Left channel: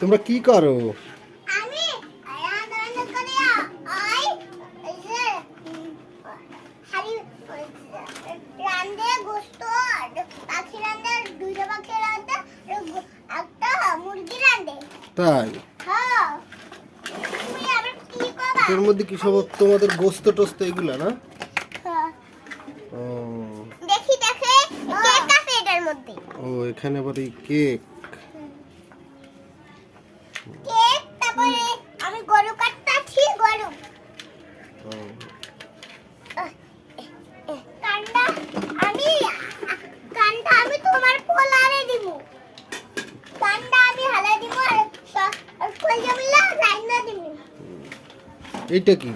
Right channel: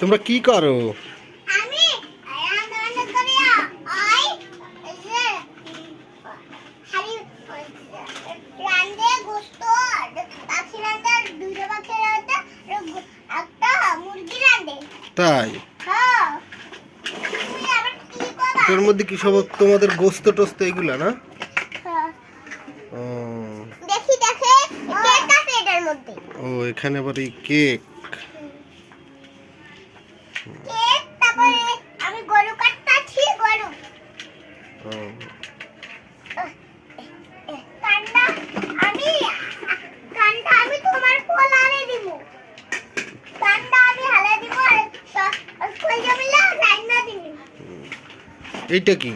তোমরা কি করো? আমি রান্না করি আই হারি রান্দে গোশত পাখি রান্দে দুটো পাখি রান্দে একটা মুরগি রান্দে। তাই? হ্যাঁ। তুমি আবার কি করবা? এর মধ্যে কি সব তোমাদের গোস্ত টোস্ত এগুলা না? হ্যাঁ। ও দেখি দেখে কেক আছে এটার মধ্যে। ও এখানে আবার এই কেক। কেক তারপরে আমি গরু কাটতাছি গরু। ও কান্ডা আমি তোমার পোলারে দিব। কান্ডা আমি হালে দিব আর কইয়া মিলা রাইনা দিব। এইটা কি?